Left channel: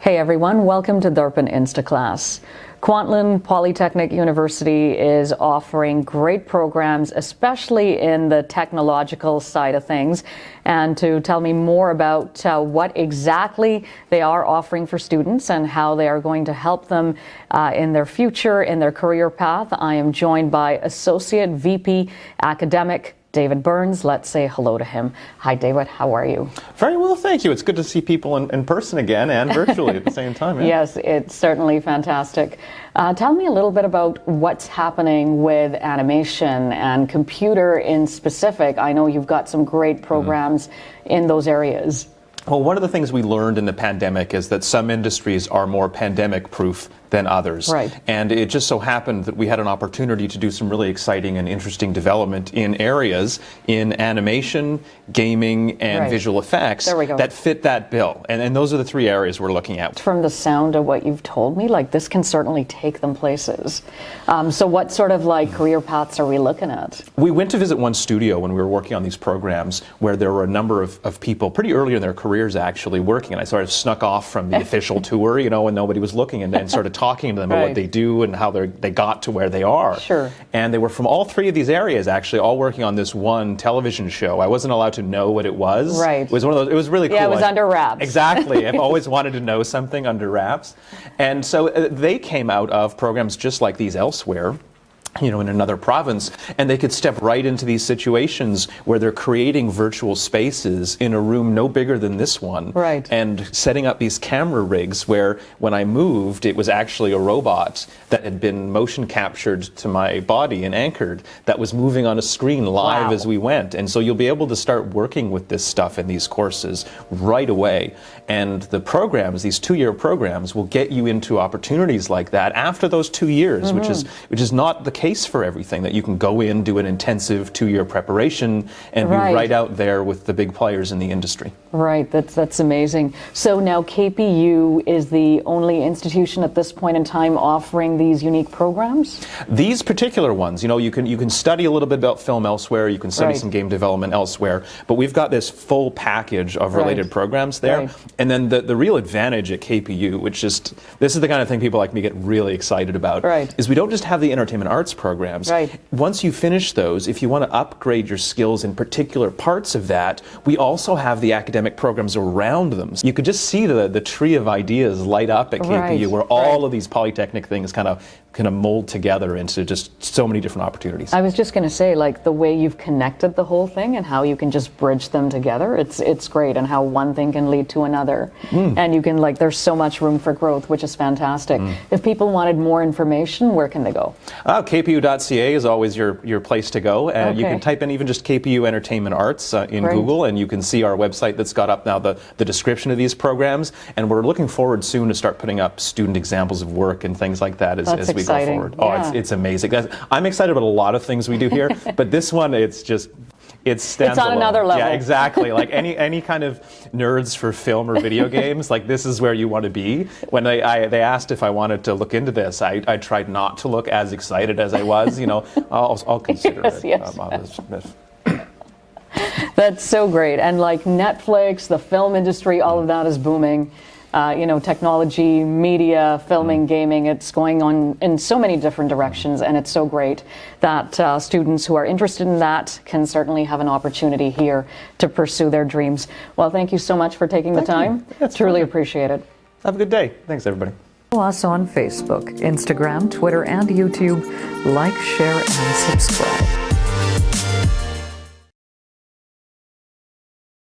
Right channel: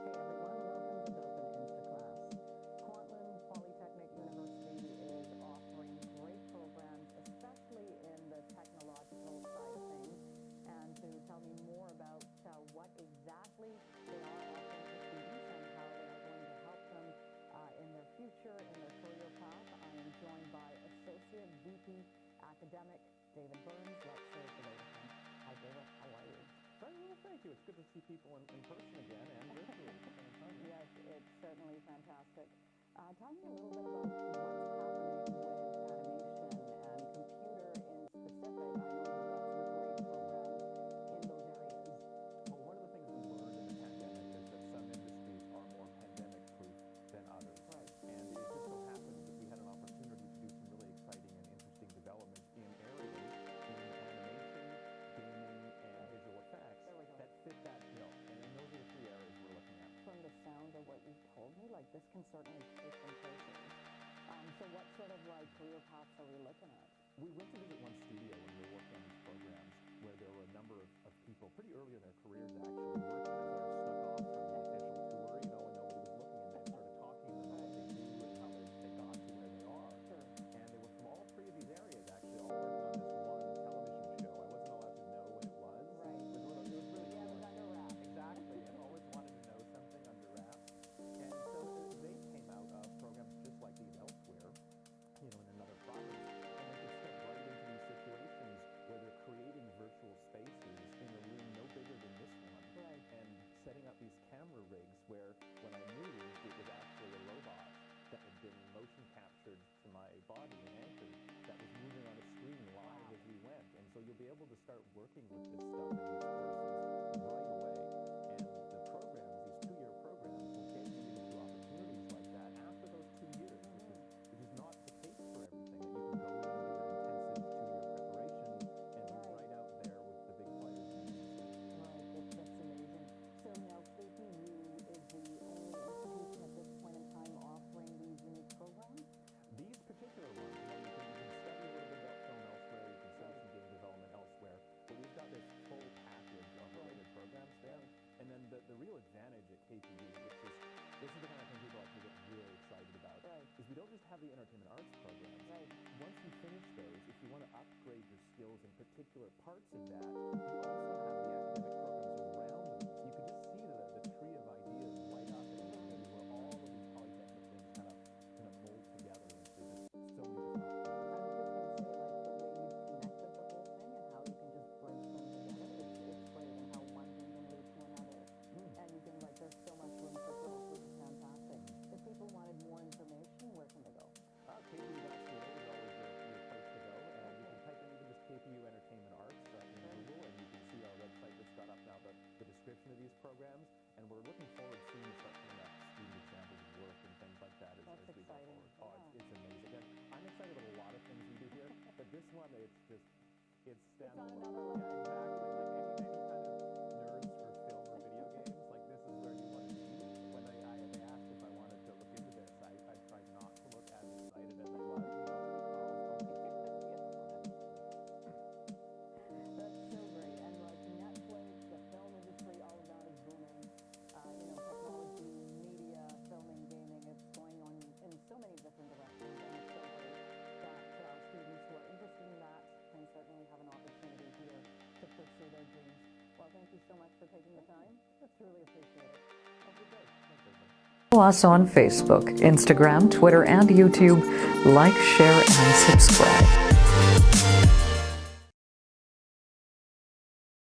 Hey everyone, welcome to Darpan Instaclass. Kwantlen Polytechnic University is offering great programs, especially in the technological side of things. And to tell me more about what exactly they are offering for students and how they are going to help them in their future, in their career path, I am joined by Associate VP Academic David Burns. Let's say hello to him. Hi, David. How are you? Very well, thank you. It's good to see people in person again and virtually at the same time. Yeah? Yes, it's certainly fantastic. Tell me a little bit about what's happening with animation and computer in specific. I know you've got some great programs in those areas. Well, one of the things we learned in the pandemic is that some industries are more pandemic-proof than others. Right. And it just so happened that we had an opportunity to do some really exciting and interesting development in areas in animation, gaming, and visual effects that fit that bill. And those are the three areas we're looking at. From the sound of what you've told me, like this can certainly take them places. So what sort of like career paths are we looking at? We went to visit one studio when we were working on these programs where there were a number of people pretty early in their careers actually working. And I sort of snuck off from the official tour, you know, when nobody was looking, and then started talking to them about what they do and how they got to where they are. Sure. And they were from all three of these areas, actually, all working on this one television show. I wasn't allowed to know what it was. Right. It was one of those. It was really cool. Yeah, it was under wraps. Exactly. I've always wanted to know something under wraps. And so they came out of programs just like these elsewhere, you know, in another province, and they could step right into these situations where they're creating virtual spaces in a room no bigger than this one. Right. And setting up these camera rigs where when I moved, it was actually a robot that had been motion captured to my body and anchored that was moving on a screen live as we went. And so you'll be able to start working with this stuff in these courses right away. And the programs, these 2-year programs, will get you into opportunities like that after those 2 years, which is not the case for everything, that you can go in, do an intensive 2-year preparation, and be right out there with the big players in the industry. Right, that's amazing. So now KPU is the only institution at this point in time offering these unique programs? These particular ones, you know, you can study a little bit about film elsewhere, you can study some game development elsewhere, but we've got this full package of related programs there. And then the real advantage at KPU, which just, this is the kind of thing people like me get really excited about, is we don't just have the entertainment arts programs. Once you finish those, if you want to upgrade your skills in particular parts of that, we also have the academic programs around them. So you could just see the tree of ideas light up at KPU, where all of these polytechnic things kind of mold together into just so many different opportunities. I was just going to say, like, the way you've connected the whole thing and how you can just bridge them together, it's great, and how one thing can lead to another. And you can, like, there's so much room for growth, which is fantastic. If people wanted more information, where can they go? KPU.ca is always your place to go, and you can type in even just KPU Entertainment Arts in Google, and you can see our website that's got up now the description of these programs, and we're looking forward soon to start putting up student examples of work and things like that as we go forward. Oh, it's amazing. I'm excited about a lot of things we do here, but this one, it stands It's on alone. Another level. Yeah, exactly. Like any kind of nerds for film or video games, like this is where you want to be. When they asked if I wanted to look into this, I tried not to look as excited as I was. You know, I'll consider it. That's so great. And like Netflix, the film industry, all of that is booming. You know, technology, media, filming, gaming, it's going on in so many different directions, and it's so great that students who are interested in that can certainly have an opportunity here to pursue their dreams. Well, thank you so much for taking the time. Truly appreciate it. Have a good day. Thanks, everybody. Follow us on Facebook, Instagram, Twitter, and YouTube. Like, share, and subscribe.